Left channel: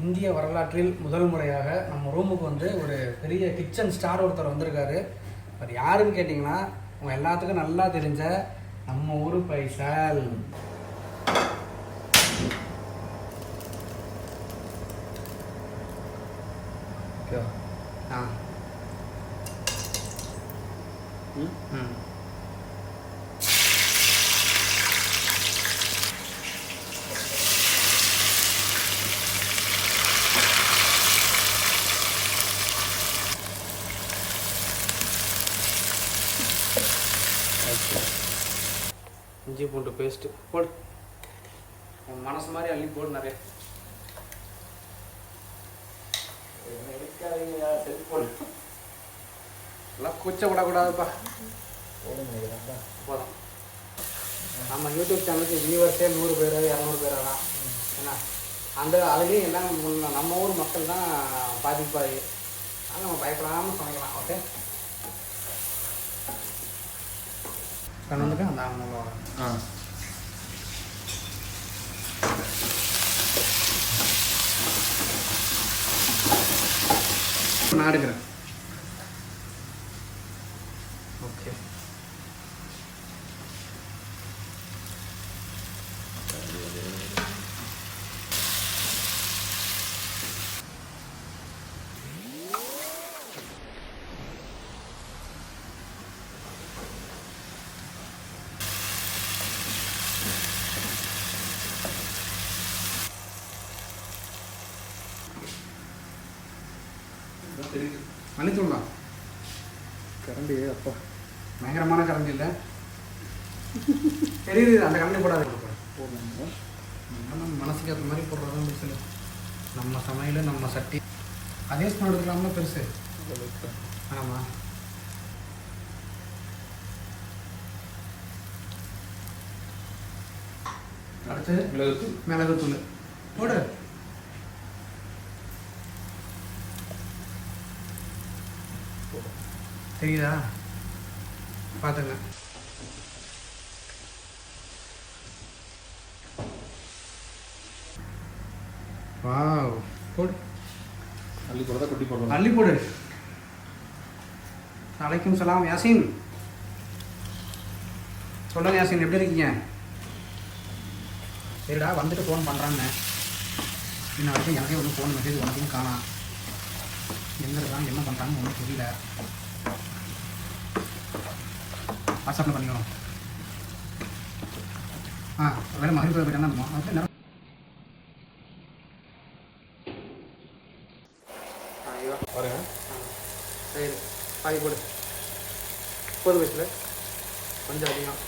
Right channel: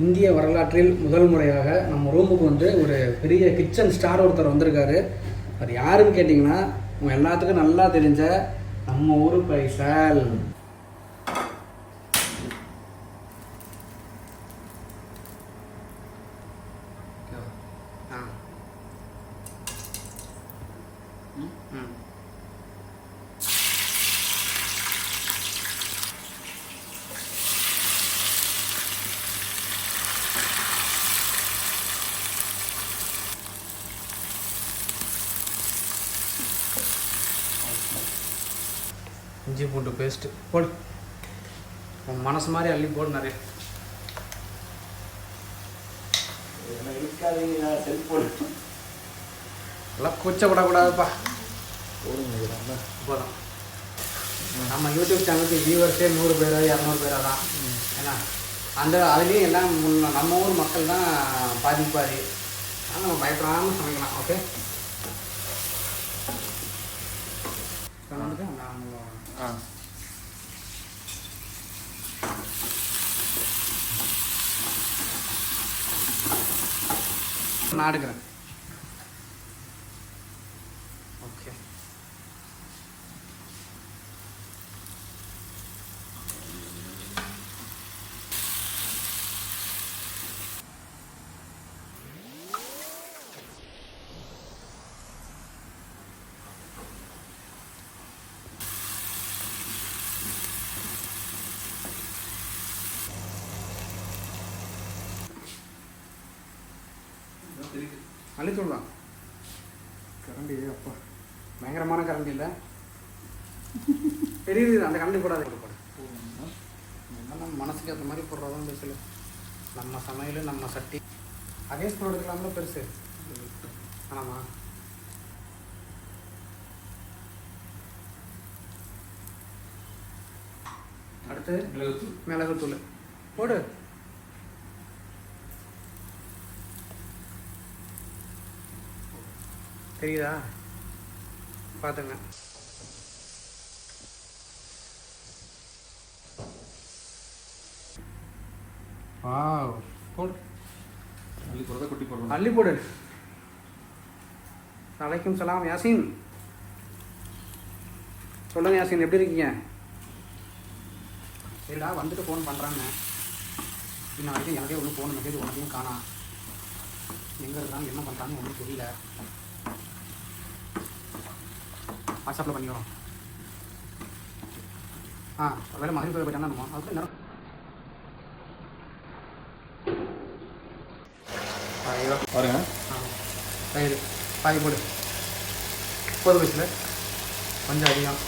இந்திய வரலாற்றில் முதல் முறையாக நம்ம ரூமுக்கு வந்து ஒரு பெரிய கிச்சன் ஸ்டார் ஒருத்தர் வந்திருக்காரு. அது யாருன்னு கேட்டிங்கன்னா உங்கள் எல்லாத்துக்கும் நல்லா தெரிஞ்ச நம்ம ஊர் பைசல். இஞ்சி பூண்டு பேஸ்ட்டு போடு, உன் மனசு மாதிரி அள்ளி போடு நிறைய. எல்லாம் கூச்சப்படக்கூடாதுப்பா. போதும். நம்ம யூடியூப் சேனலுக்கு வியூவர்ஸே 100 பேரோ 200 பேரோ தான். ஏன்னா அதுலேயும் எல்லாம் நம்ம ஊர் மக்கள் தான் பாதி. அதனால் நம்ம பயப்படாமல் சமைக்கலாம். ஓகே, கணவனுக்கு அந்த நான் எடுக்கிறேன். ஓகே, மல்லித்தூள்ண்ணா. கரண்டி அப்பா பயங்கரமான கரண்டி இல்லை, தெரியுது. அந்த கரண்டி போடாது. போடணும். நம்ம மனசுக்கு ஏற்ற மாதிரி போடுறதான் பேசல. நம்ம சமையல் நம்ம சட்டி அதே ஸ்பூன் எடுத்துக்கலாமா பெருசு? ஆமாம். அடுத்து மிளகுத்தூள் போடு. தெரியுதா? பார்த்துங்க. வாவ், போடு. அள்ளி போடுறதா குட்டி போடணும்? அள்ளி போடு. அலைக்கும் சலாம் யாசின். சொல்லுங்க யாசின், எப்படி இருக்கீங்க? சரிடா, வந்துட்டு ஃபோன் பண்ணுறாங்க. இன்ன வரைக்கும் யாரையும் ஒன்றும் ஃபோன் மெசேஜ் ஒன்றையும் காணாம். எங்கே இருக்காங்க, என்ன பண்ணுறாங்கன்னு ஒன்றும் தெரியல. வாட்ஸ்அப்பில் பண்ணிக்கிறோம். வேலை மகிழ்ச்சியில் போயிட்டாங்க. நம்ம அப்படி நேரம் பாருங்க. சரி, பாய் போடு. 30 வயசில் கொஞ்சம் அதிகம்.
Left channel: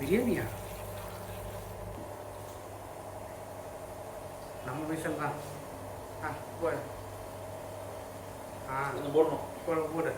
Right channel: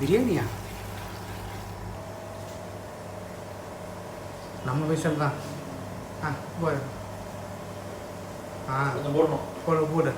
பிரியாணியா? நம்ம பைசல் தான். போடு. போடணும். போடு. போடு.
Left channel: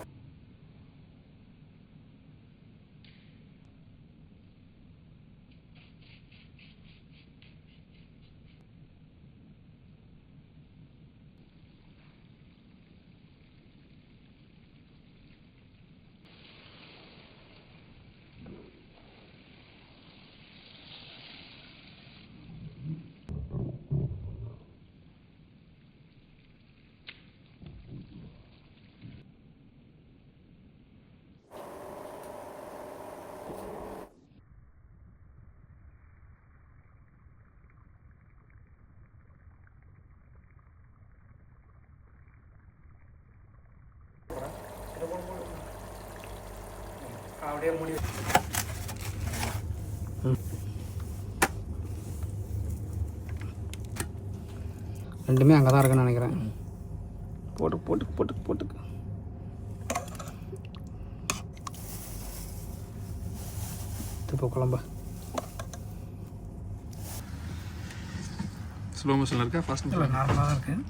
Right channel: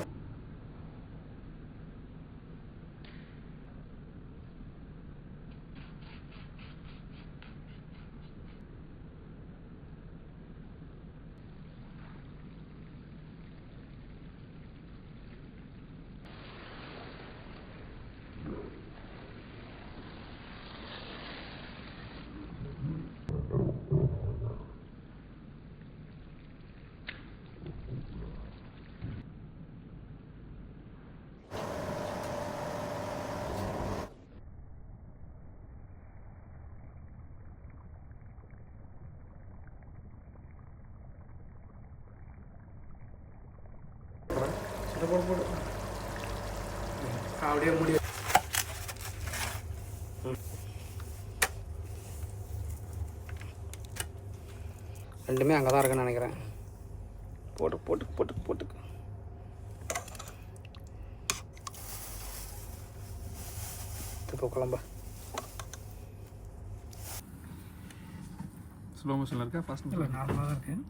அப்படியே மூடி. ரெண்டுமே அங்கே தான் இருக்குன்னு நினைக்கிறேன். போட்டு இப்போ குழம்பு ஸ்லோ மோஷனில் இருக்கா? Fast motion? நார்மலாக தான் இருக்குது.